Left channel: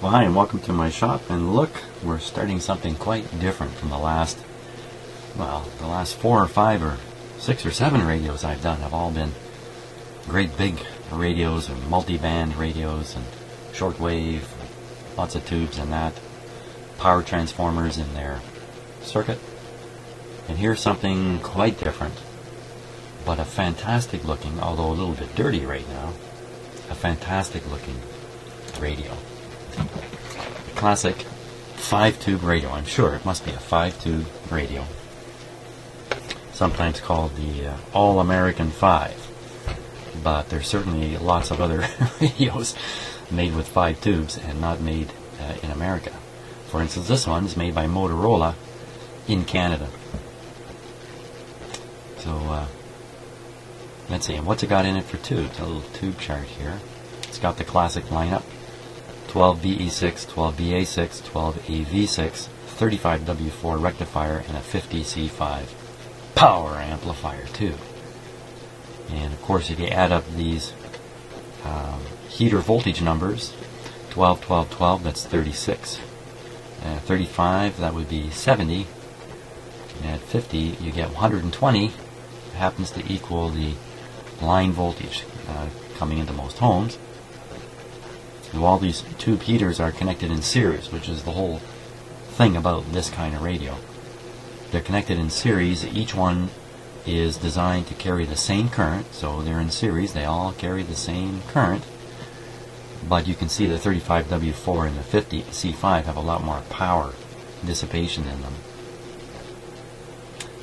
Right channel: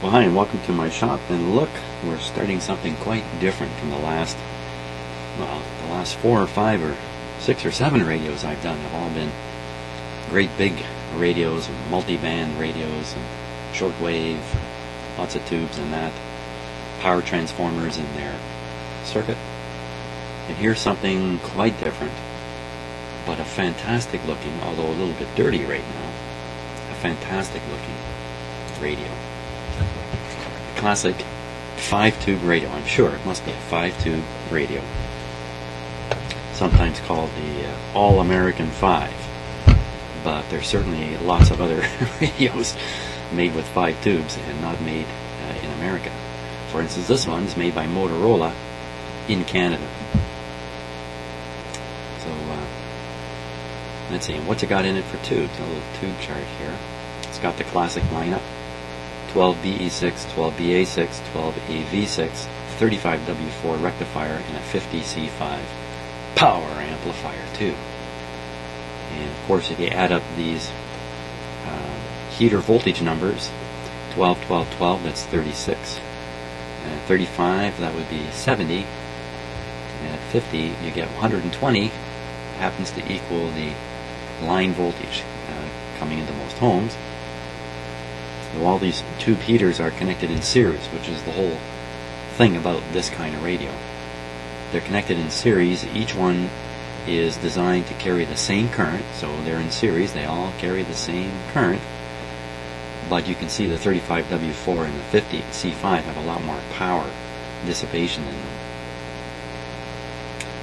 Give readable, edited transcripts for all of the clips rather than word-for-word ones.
Well, hi and welcome to my shop, and look, we're starting something quite different from the last 4 or 5 or 6 or 7 radios I've done have all been great big radios or multi-band radios and shortwave, lots of tubes and that, power transformers in their circuit. And here's something quite different, but a fantastic looking, although a little bit dirty right now, a fantastic looking radio. Classic 5-tube radio. I'm sure it must be a 5-tube radio, sometimes called the All-American 5, but there's certainly lots of other radios made with 5 tubes and not made in America. For instance, this one is made by Motorola in Canada. So let's see, what's it got in it for tubes? A little tube chart here. It's got the classic lineup: 12BE6, 12BA6, 12AV6, 35W4 rectifier, and a 50C5 power amplifier too. And of course, if you add up these heater voltage numbers, 12, 12, 12, that's 36. 35, that would be 70. At 50, you get 120. It happens to equal the line voltage coming into most homes. So all these tube heaters are connected in series, which is the whole thing about this kind of radio. They're connected in series. Each one is designed to carry the same current, so they're in series. They all carry the same current. But you can see the 35W4 and the 50C5 have a lot more power dissipation in them.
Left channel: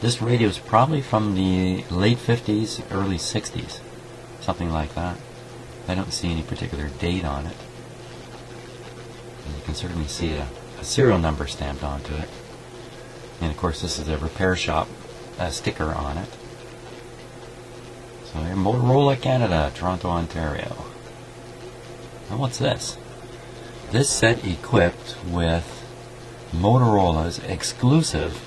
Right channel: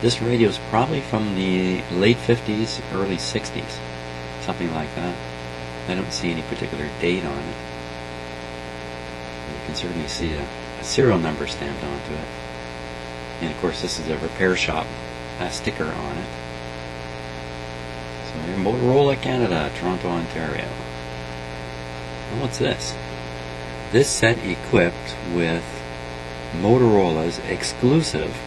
This radio is probably from the late 50s, early 60s, something like that. I don't see any particular date on it. You can certainly see a serial number stamped onto it. And of course, this is the repair shop sticker on it. So Motorola, Canada, Toronto, Ontario. Well, what's this? This set equipped with Motorola's exclusive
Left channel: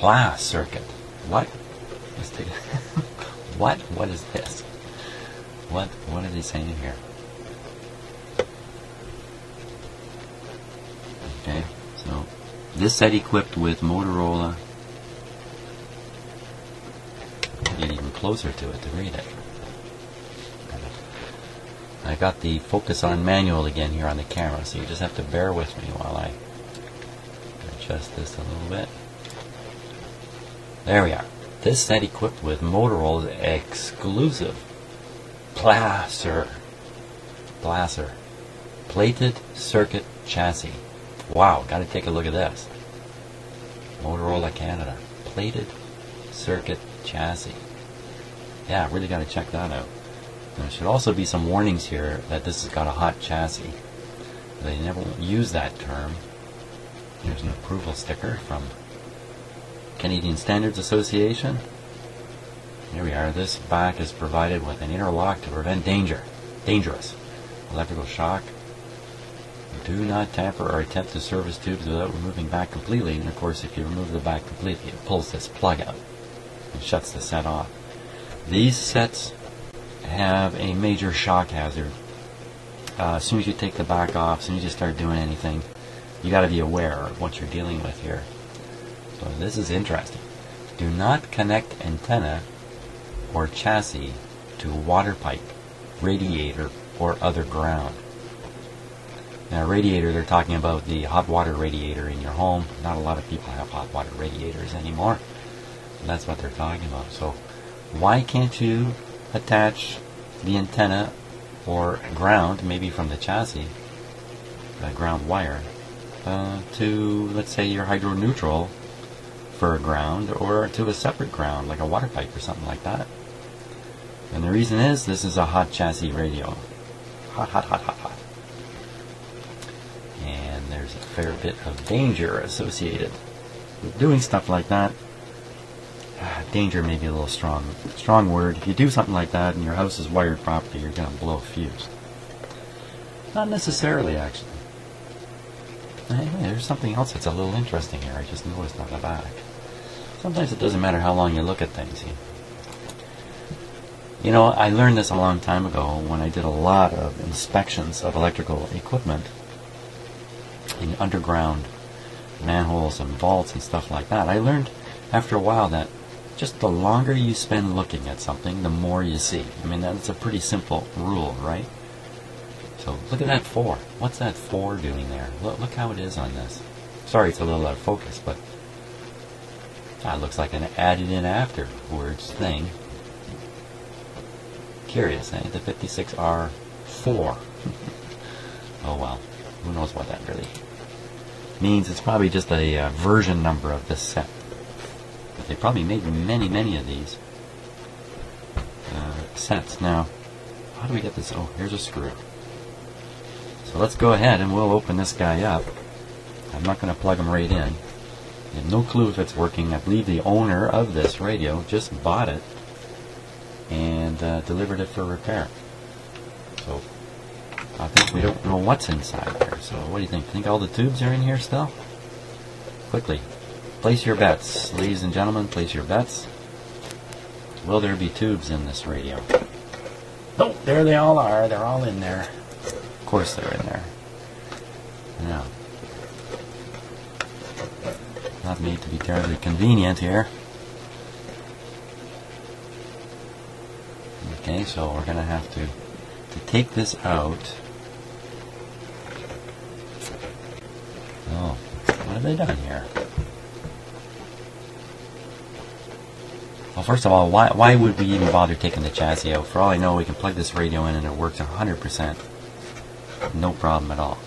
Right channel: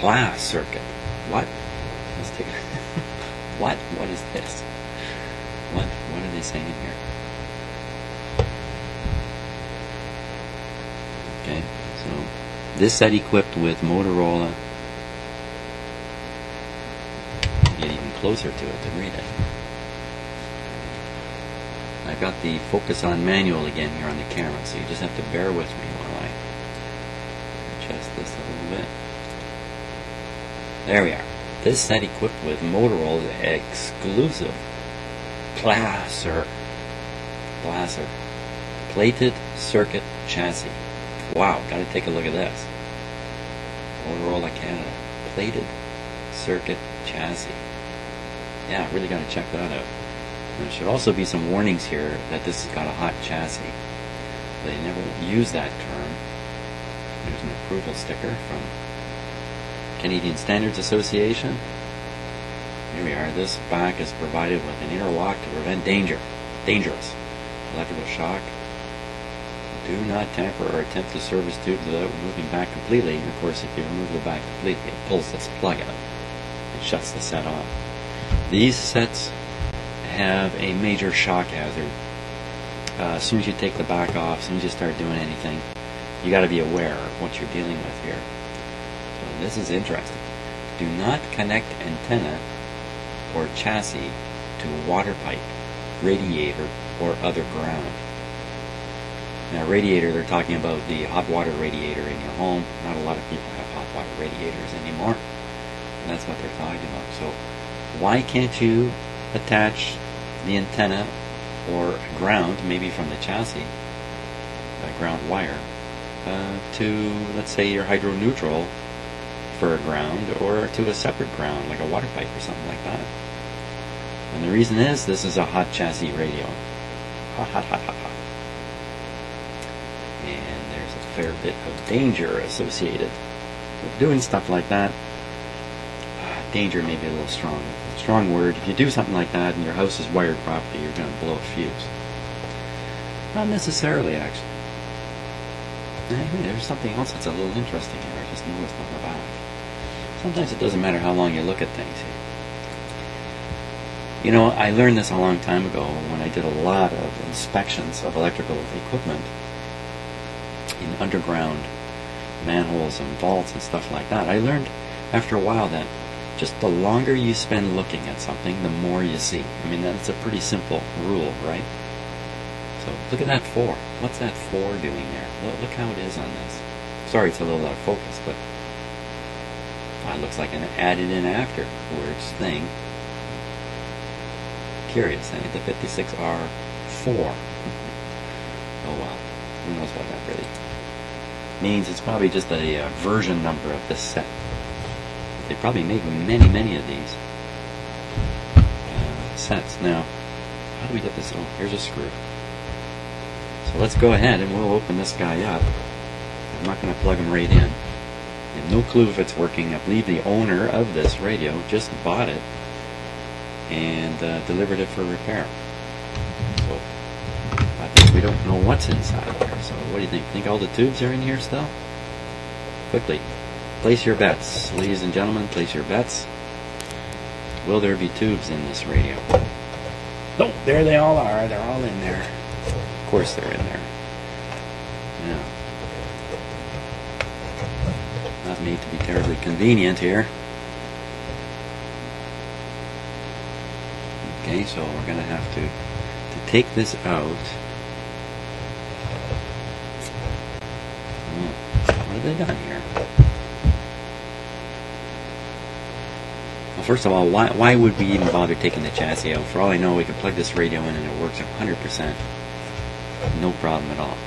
class circuit. What? Let's take what? What is this? What are they saying here? Okay, so this set equipped with Motorola. I'll get even closer to it to read it. I got the focus on manual again here on the camera, so you just have to bear with me while I adjust this a little bit. There we are. This set equipped with Motorola's exclusive Placer plated circuit chassis. Wow, gotta take a look at this. Motorola Canada plated circuit chassis. Yeah, really gotta check that out. There should also be some warnings here that this has got a hot chassis. They never use that term. There's an approval sticker from Canadian Standards Association. Here we are. This back is provided with an interlock to prevent dangerous electrical shock. Do not tamper or attempt to service tubes without removing back completely. And of course, if you remove the back completely, it pulls this plug out. It shuts the set off. These sets have a major shock hazard. As soon as you take the back off, as soon as you start doing anything, you got to be aware of what you're dealing with here. So this is interesting. Do not connect antenna or chassis to a water pipe, radiator, or other ground. And a radiator, they're talking about the hot water radiator in your home. Not a lot of people have hot water radiators anymore. That's what they're talking about. So why can't you attach the antenna or a ground, maybe from the chassis, a ground wire, to, let's say, your hydro-neutral for a ground, or to a separate ground, like a water pipe or something like that? And the reason is, this is a hot chassis radio. Hot, hot, hot, hot, hot. And there's a fair bit of danger associated with doing stuff like that. Danger may be a little strong word. If you do something like that and your house is wired properly, you're going to blow a fuse. Not necessarily, actually. There's something else that's a little interesting here. I just noticed on the back. Sometimes it doesn't matter how long you look at things here. You know, I learned this a long time ago when I did a lot of inspections of electrical equipment in underground manholes and vaults and stuff like that. I learned after a while that just the longer you spend looking at something, the more you see. I mean, that's a pretty simple rule, right? So look at that 4. What's that 4 doing there? Look how it is on this. Sorry it's a little out of focus, but that looks like an added in after words thing. Curious, eh? The 56R 4. Oh well, who knows what that really means. It's probably just a version number of this set. But they probably make many of these sets. Now, how do we get this? Oh, here's a screw. So let's go ahead and we'll open this guy up. I'm not going to plug him right in. I have no clue if it's working. I believe the owner of this radio just bought it and delivered it for repair. So I think we don't know what's inside there. So what do you think? Think all the tubes are in here still? Quickly, place your bets. Ladies and gentlemen, place your bets. Will there be tubes in this radio? No, there they all are. They're all in there. Of course they're in there. No. Not made to be terribly convenient here. Okay, so we're going to have to take this out. Oh, what have they done here? Well, first of all, why would we even bother taking the chassis out? For all I know, we can plug this radio in and it works 100%. No problem at all.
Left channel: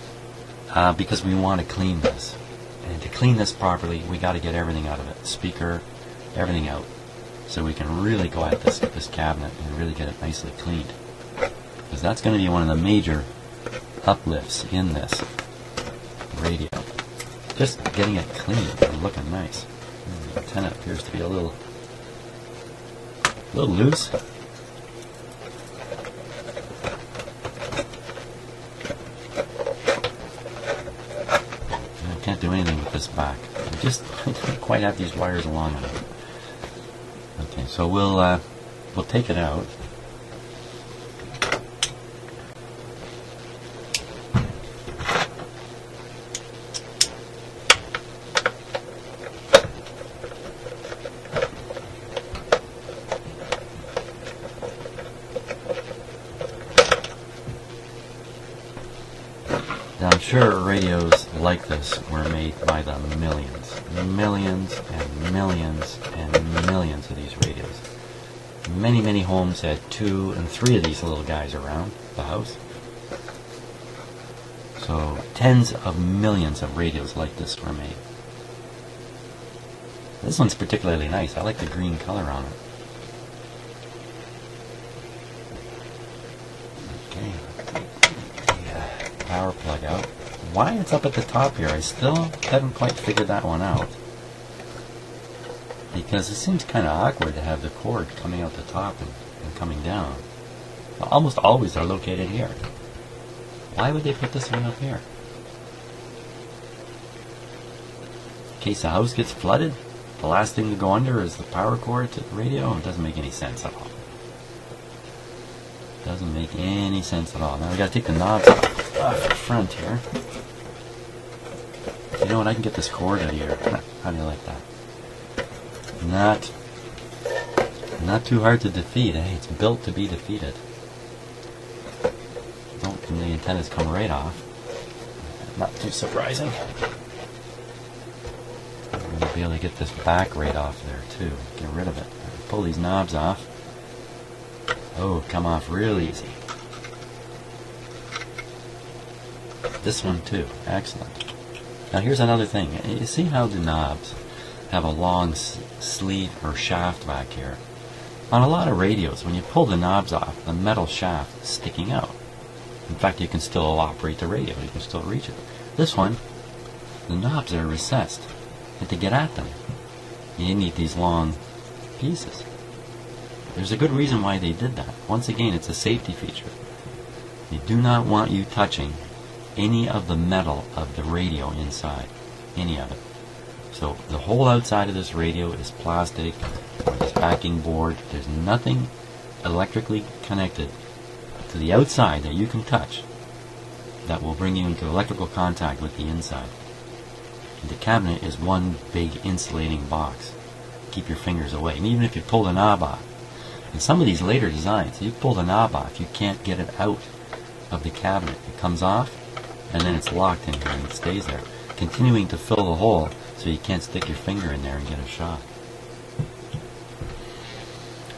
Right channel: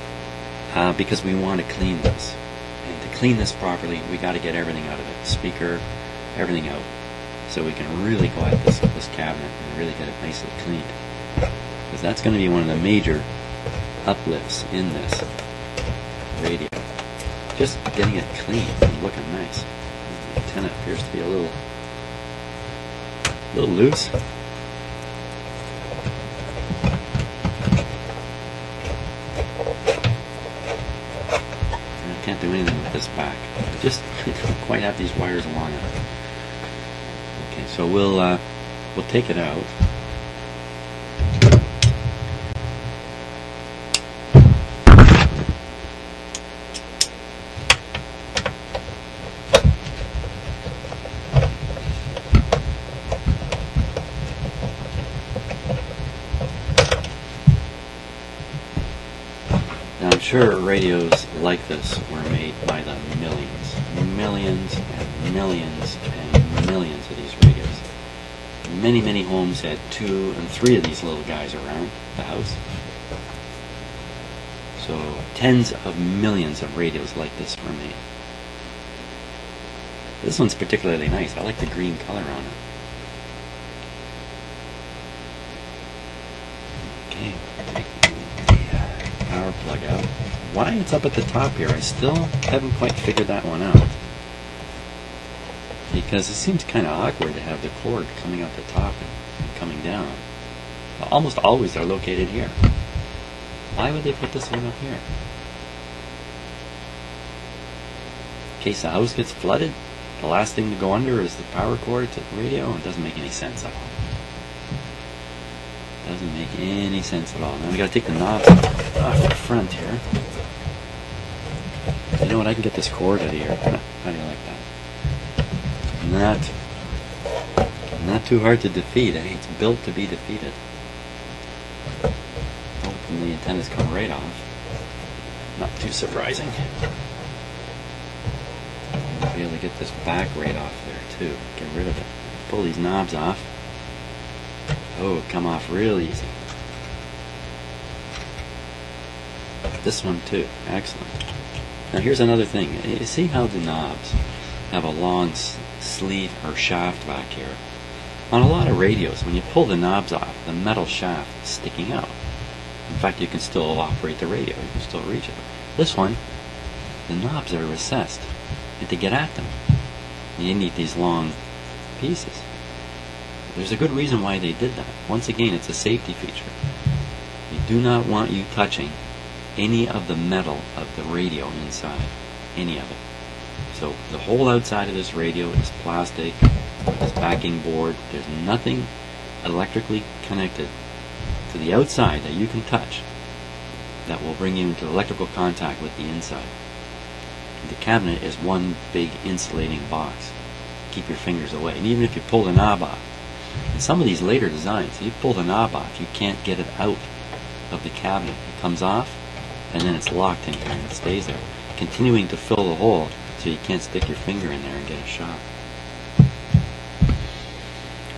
Because we want to clean this. And to clean this properly, we got to get everything out of it. Speaker, everything out. So we can really go at this cabinet and really get it nicely cleaned. Because that's going to be one of the major uplifts in this radio. Just getting it clean and looking nice. The antenna appears to be a little loose. I can't do anything with this back. I don't quite have these wires aligned. Okay, so we'll take it out. Now I'm sure radios like this were made by the millions and millions and millions of these radios. Many homes had 2 and 3 of these little guys around the house. So tens of millions of radios like this were made. This one's particularly nice. I like the green color on it. Okay, take the power plug out. Why it's up at the top here, I still haven't quite figured that one out. Because it seems kind of awkward to have the cord coming out the top and coming down. Almost always they're located here. Why would they put this one up here? In case the house gets flooded, the last thing to go under is the power cord to the radio. It doesn't make any sense at all. Doesn't make any sense at all. Now we gotta take the knobs off the front here. You know what? I can get this cord out of here. How do you like that? Not too hard to defeat. Eh? It's built to be defeated. And the antennas come right off. Not too surprising. Be able to get this back right off there too. Get rid of it. Pull these knobs off. Oh, come off real easy. This one too. Excellent. Now here's another thing. You see how the knobs have a long sleeve or shaft back here? On a lot of radios, when you pull the knobs off, the metal shaft is sticking out. In fact, you can still operate the radio. You can still reach it. This one, the knobs are recessed. And to get at them, you need these long pieces. There's a good reason why they did that. Once again, it's a safety feature. You do not want you touching any of the metal of the radio inside. Any of it. So the whole outside of this radio is plastic, this backing board. There's nothing electrically connected to the outside that you can touch that will bring you into electrical contact with the inside. The cabinet is one big insulating box. Keep your fingers away. And even if you pull the knob off, in some of these later designs, you pull the knob off, you can't get it out of the cabinet. It comes off, and then it's locked in here and it stays there, continuing to fill the hole so you can't stick your finger in there and get a shock.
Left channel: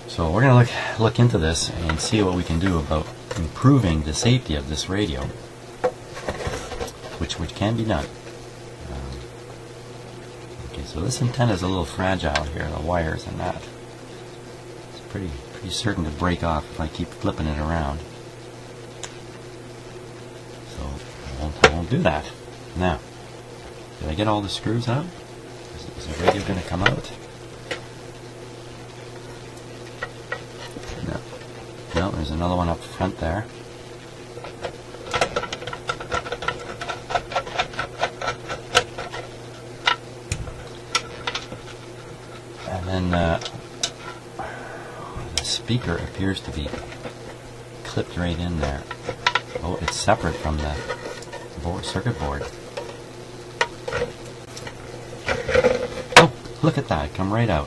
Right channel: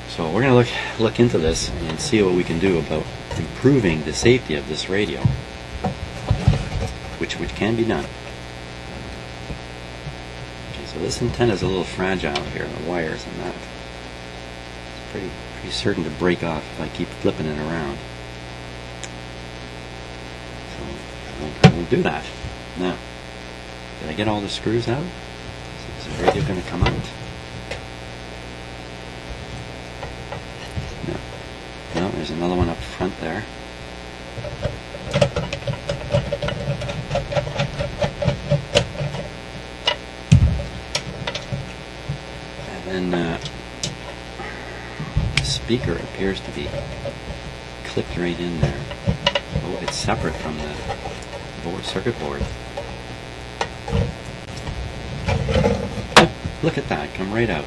So we're going to look into this and see what we can do about improving the safety of this radio, which can be done. Okay, so this antenna is a little fragile here, the wires on that. It's pretty certain to break off if I keep flipping it around. So I won't do that. Now, did I get all the screws out? Is the radio going to come out? No, there's another one up front there. And then the speaker appears to be clipped right in there. Oh, it's separate from the circuit board. Oh, look at that, come right out.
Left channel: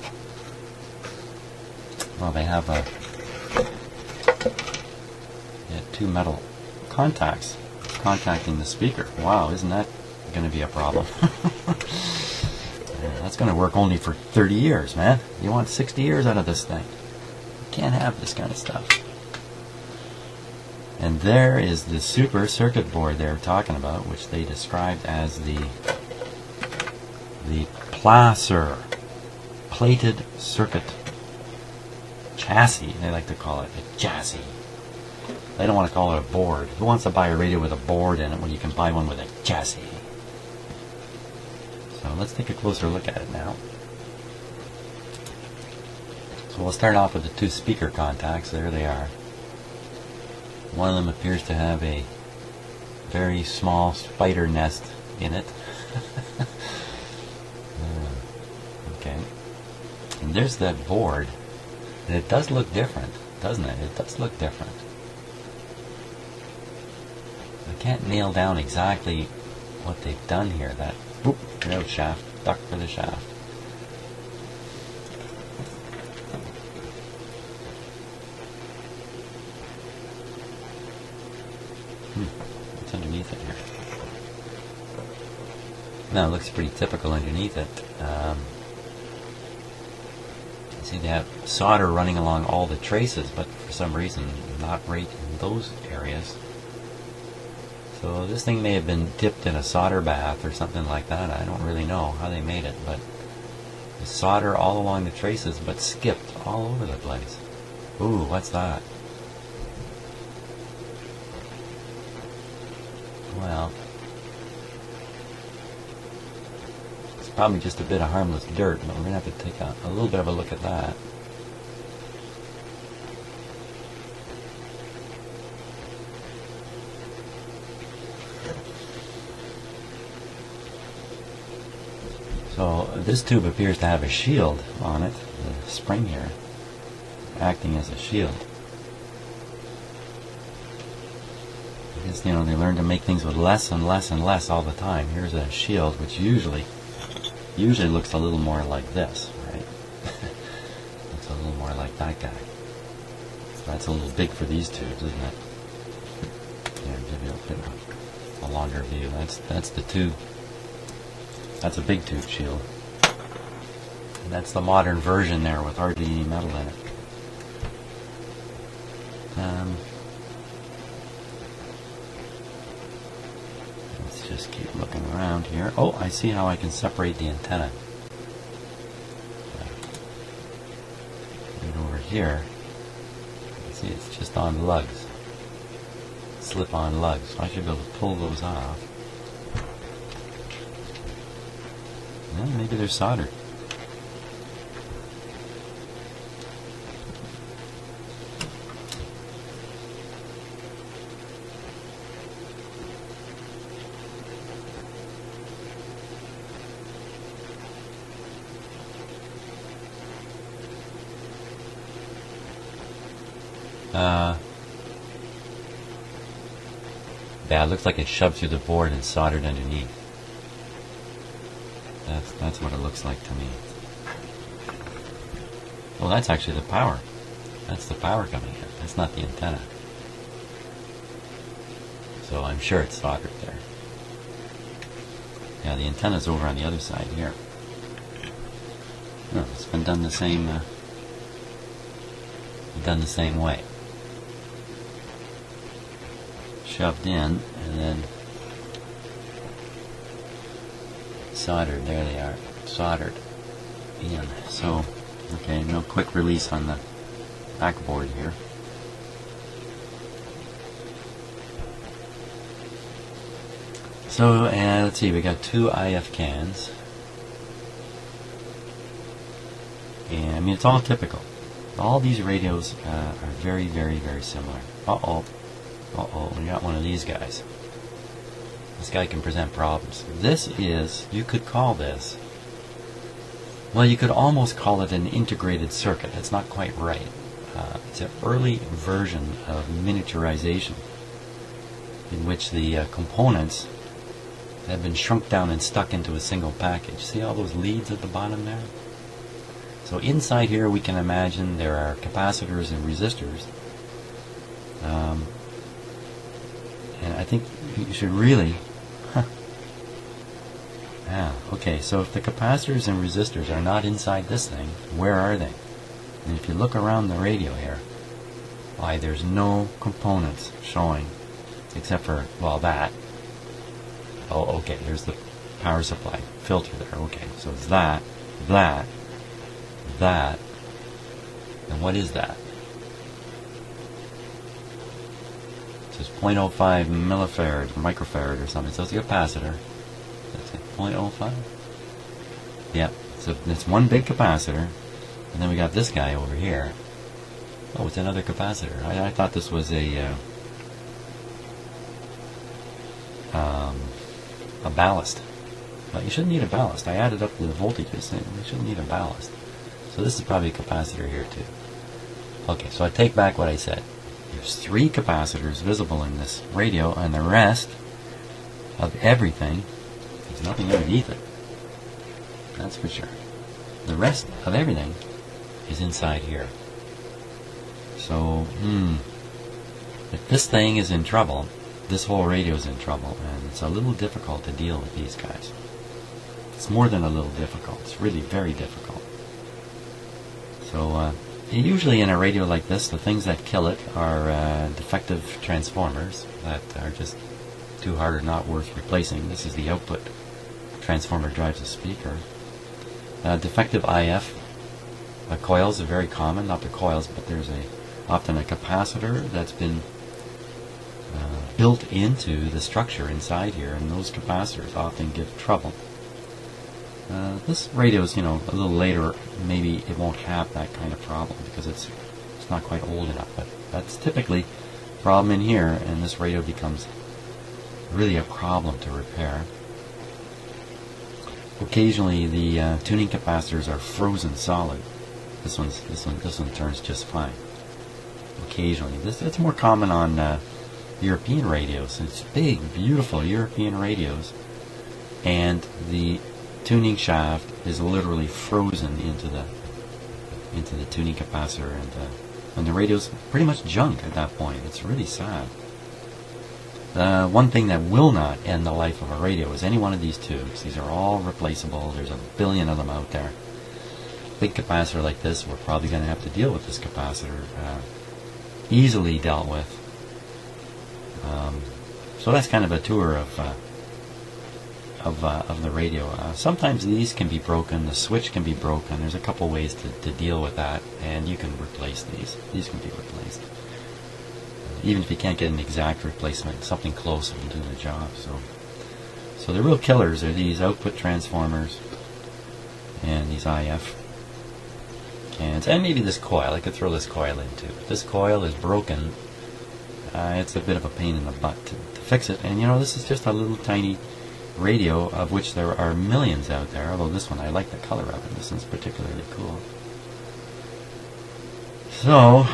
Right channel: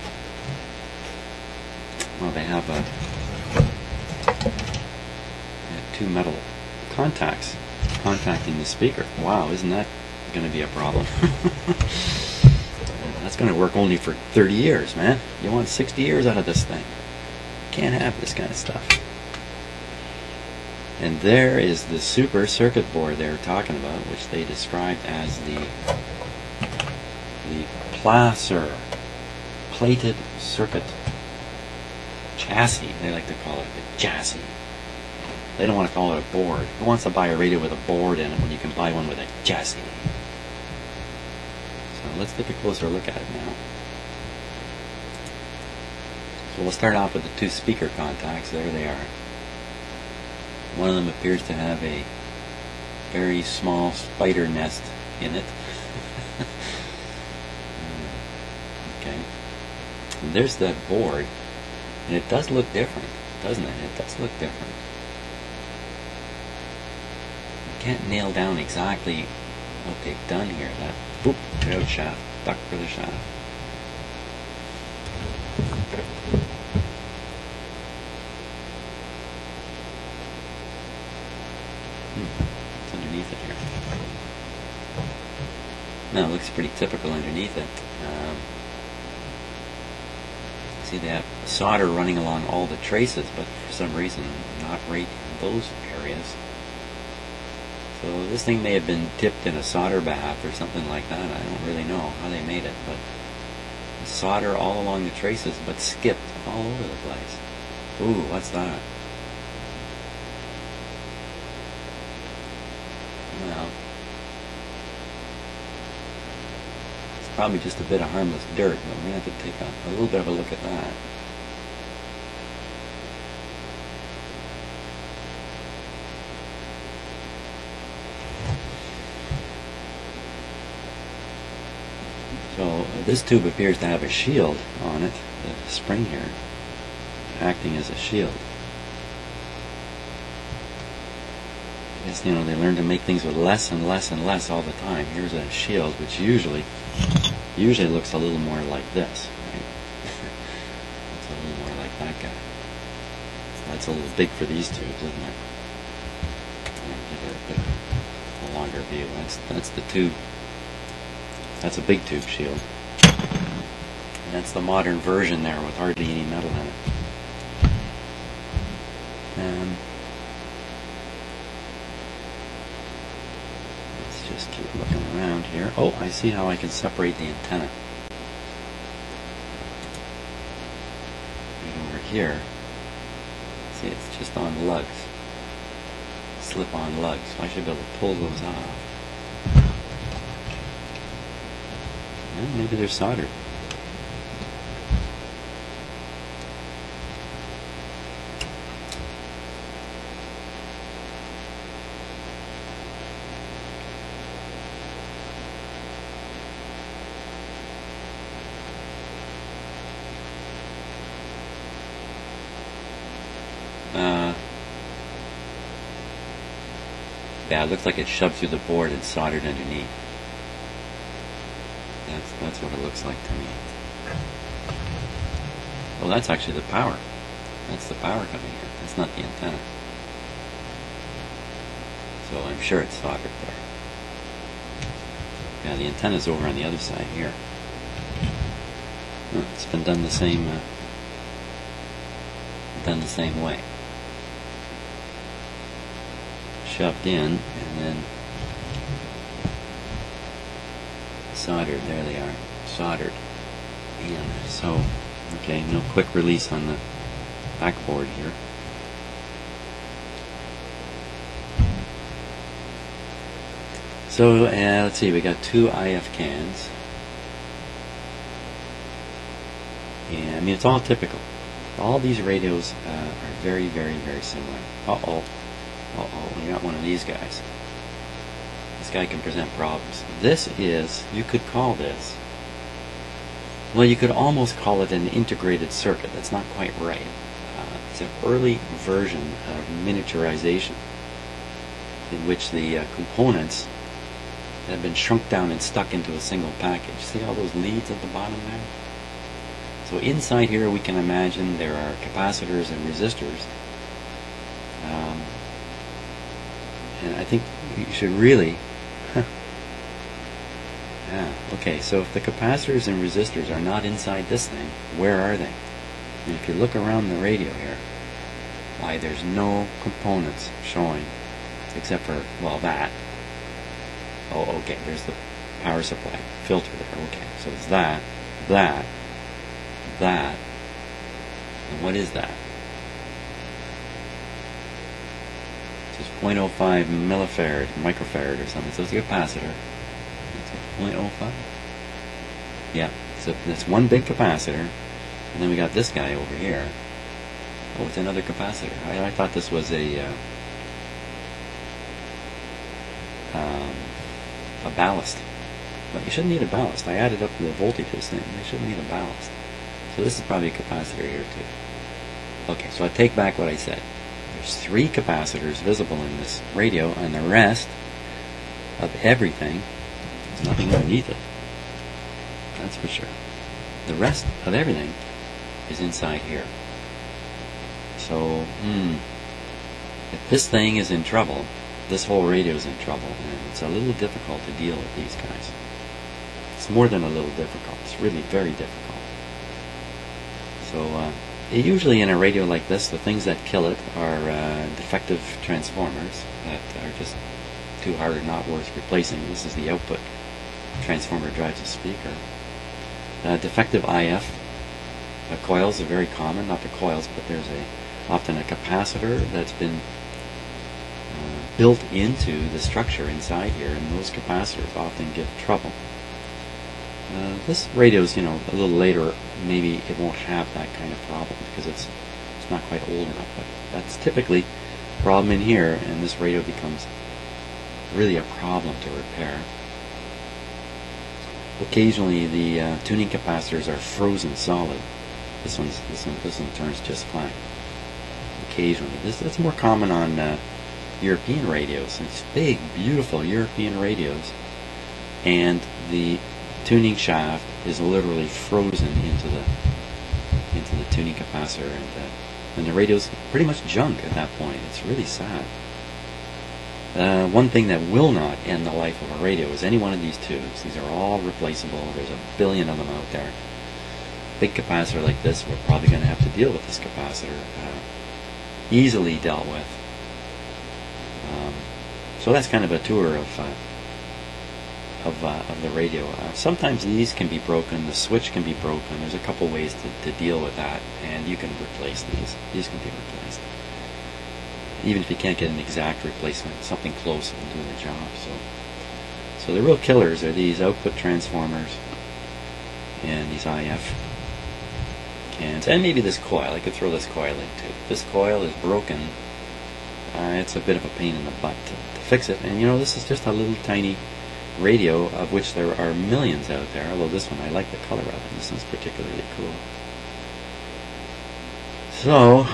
Well, they have two metal contacts contacting the speaker. Wow, isn't that going to be a problem? That's going to work only for 30 years, man. You want 60 years out of this thing. You can't have this kind of stuff. And there is the super circuit board they were talking about, which they described as the placer, plated circuit chassis. They like to call it the chassis. They don't want to call it a board. Who wants to buy a radio with a board in it when you can buy one with a chassis? So let's take a closer look at it now. So we'll start off with the two speaker contacts. There they are. One of them appears to have a very small spider nest in it. Okay. And there's that board. And it does look different, doesn't it? It does look different. I can't nail down exactly what they've done here. That, oop, there's the shaft, duck for the shaft. What's underneath it here? Now, it looks pretty typical underneath it. See, they have solder running along all the traces, but for some reason not right in those areas. So this thing may have been dipped in a solder bath or something like that. I don't really know how they made it, but the solder all along the traces, but skipped all over the place. Ooh, what's that? Well, it's probably just a bit of harmless dirt, but we're going to have to take a little bit of a look at that. So this tube appears to have a shield on it, the spring here, acting as a shield. I guess, you know, they learn to make things with less and less and less all the time. Here's that shield, which usually looks a little more like this, right? It's a little more like that guy. So that's a little big for these tubes, isn't it? A longer view. That's the tube. That's a big tube shield. And that's the modern version there with hardly any metal in it. Let's just keep looking around here. Oh, I see how I can separate the antenna. And over here, see, it's just on lugs. Slip-on lugs. So I should be able to pull those off. Well, maybe they're soldered. Yeah, it looks like it's shoved through the board and soldered underneath. That's what it looks like to me. Oh, that's actually the power. That's the power coming in. That's not the antenna. So I'm sure it's soldered there. Yeah, the antenna's over on the other side here. Oh, it's been done the same way. Shoved in and then soldered. There they are, soldered in. So, okay, no quick release on the backboard here. So, let's see, we got 2 IF cans. And I mean, it's all typical. All these radios are very, very, very similar. Uh-oh. We got one of these guys. This guy can present problems. This is, you could call this, well, you could almost call it an integrated circuit. It's not quite right. It's an early version of miniaturization in which the components have been shrunk down and stuck into a single package. See all those leads at the bottom there? So inside here we can imagine there are capacitors and resistors. And I think you should really... Yeah, okay, so if the capacitors and resistors are not inside this thing, where are they? And if you look around the radio here, why, there's no components showing except for, well, that. Oh, okay, here's the power supply filter there. Okay, so it's that, and what is that? It says 0.05 millifarad, microfarad or something. So it's a capacitor. It's 0.05? Yeah, so it's one big capacitor, and then we got this guy over here. Oh, it's another capacitor. I thought this was a ballast. But you shouldn't need a ballast. I added up the voltages, and you shouldn't need a ballast. So this is probably a capacitor here too. Okay, so I take back what I said. There's 3 capacitors visible in this radio, and the rest of everything, there's nothing underneath it. That's for sure. The rest of everything is inside here. So, if this thing is in trouble, this whole radio is in trouble, and it's a little difficult to deal with these guys. It's more than a little difficult. It's really very difficult. So, usually in a radio like this, the things that kill it are defective transformers that are just too hard or not worth replacing. This is the output. Transformer drives a speaker. Defective IF coils are very common. Not the coils, but there's often a capacitor that's been built into the structure inside here, and those capacitors often give trouble. This radio is, a little later, maybe it won't have that kind of problem because it's not quite old enough. But that's typically a problem in here, and this radio becomes really a problem to repair. Occasionally, the tuning capacitors are frozen solid. This one turns just fine. Occasionally, that's more common on European radios. It's big, beautiful European radios, and the tuning shaft is literally frozen into the tuning capacitor, and the radio's pretty much junk at that point. It's really sad. One thing that will not end the life of a radio is any one of these tubes. These are all replaceable. There's a billion of them out there. Big capacitor like this, we're probably going to have to deal with this capacitor. Easily dealt with. So that's kind of a tour of the radio. Sometimes these can be broken, the switch can be broken. There's a couple ways to deal with that, and you can replace these. These can be replaced. Even if you can't get an exact replacement, something close will do the job. So the real killers are these output transformers and these IF. And maybe this coil. I could throw this coil in too. If this coil is broken, it's a bit of a pain in the butt to fix it. And this is just a little tiny radio, of which there are millions out there. Although this one, I like the color of it. This one's particularly cool. So,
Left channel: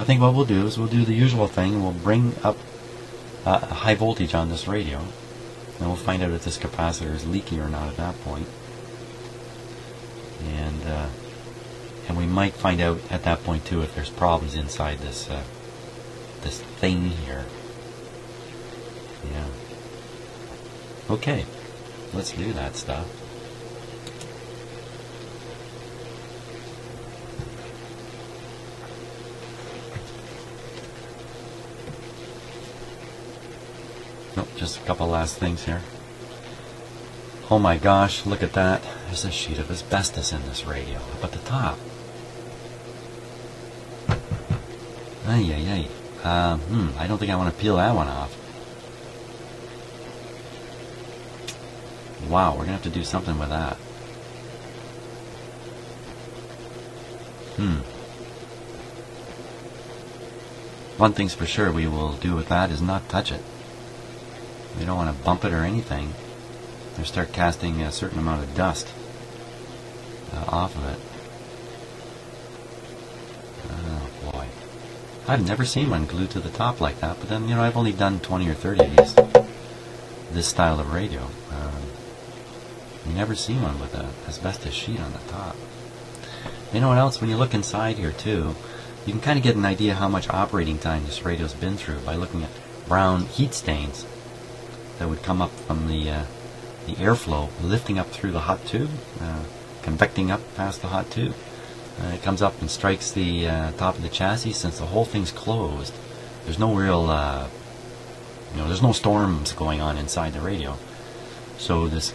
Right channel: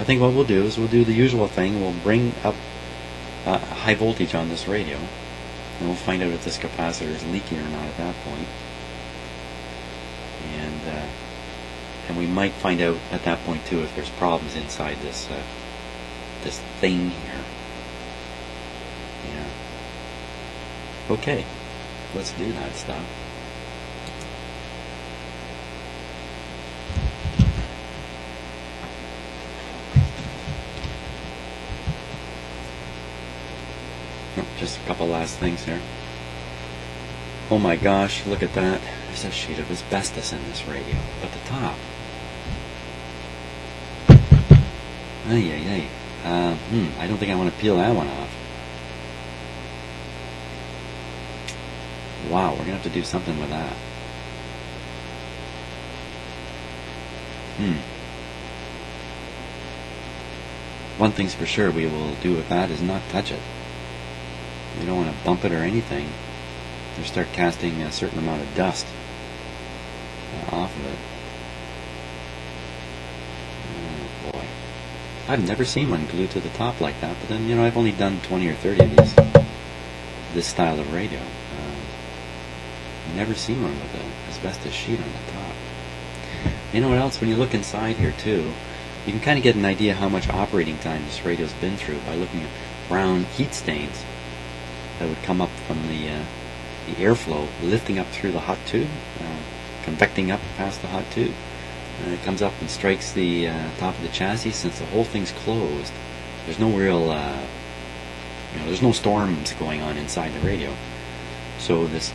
I think what we'll do is we'll do the usual thing. We'll bring up high voltage on this radio, and we'll find out if this capacitor is leaking or not at that point. And we might find out at that point too if there's problems inside this this thing here. Yeah. Okay, let's do that stuff. Just a couple last things here. Oh my gosh, look at that. There's a sheet of asbestos in this radio up at the top. Ay, ay, ay. I don't think I want to peel that one off. Wow, we're going to have to do something with that. One thing's for sure we will do with that is not touch it. We don't want to bump it or anything, or start casting a certain amount of dust off of it. Oh boy. I've never seen one glued to the top like that, but then, you know, I've only done 20 or 30 of this style of radio. You never see one with an asbestos sheet on the top. You know what else? When you look inside here too, you can kind of get an idea how much operating time this radio's been through by looking at brown heat stains that would come up from the airflow, lifting up through the hot tube, convecting up past the hot tube. It comes up and strikes the top of the chassis. Since the whole thing's closed, there's no real, there's no storms going on inside the radio. So this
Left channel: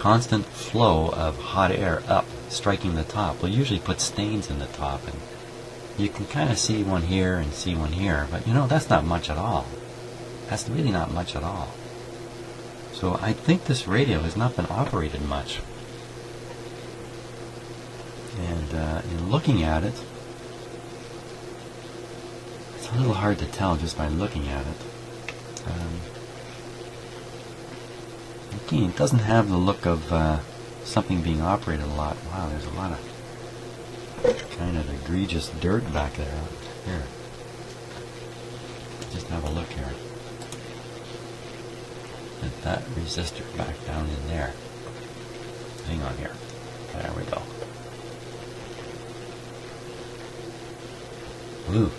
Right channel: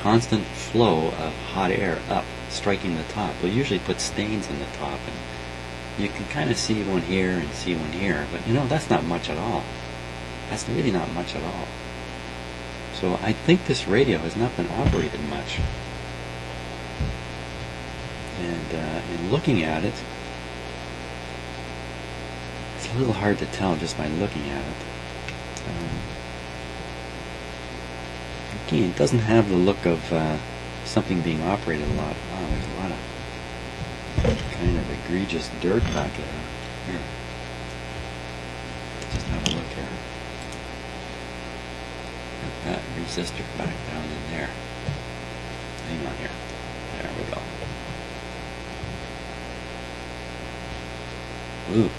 constant flow of hot air up, striking the top, will usually put stains in the top. And you can kind of see one here and see one here, but you know, that's not much at all. That's really not much at all. So I think this radio has not been operated much. And in looking at it, it's a little hard to tell just by looking at it. Again, it doesn't have the look of something being operated a lot. Wow, there's a lot of kind of egregious dirt back there. Here. Just have a look here. That resistor back down in there. Hang on here. There we go. Ooh.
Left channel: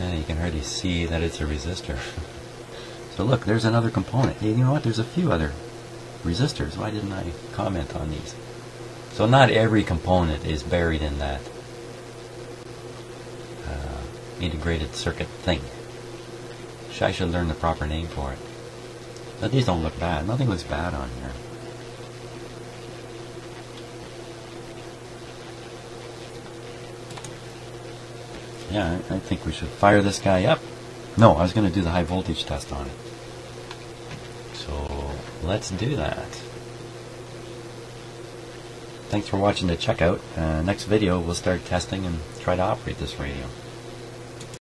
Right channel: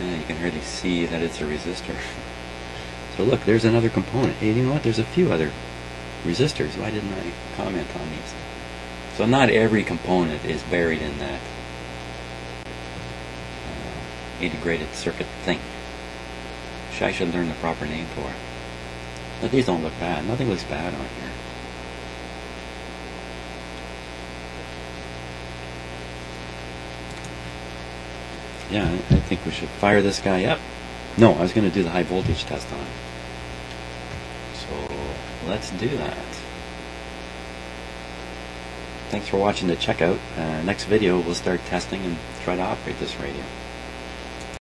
Yeah, you can hardly see that it's a resistor. So look, there's another component. Hey, you know what? There's a few other resistors. Why didn't I comment on these? So not every component is buried in that integrated circuit thing. I should learn the proper name for it. But these don't look bad. Nothing looks bad on here. Yeah, I think we should fire this guy up. No, I was going to do the high voltage test on it. So let's do that. Thanks for watching the checkout. Next video we'll start testing and try to operate this radio.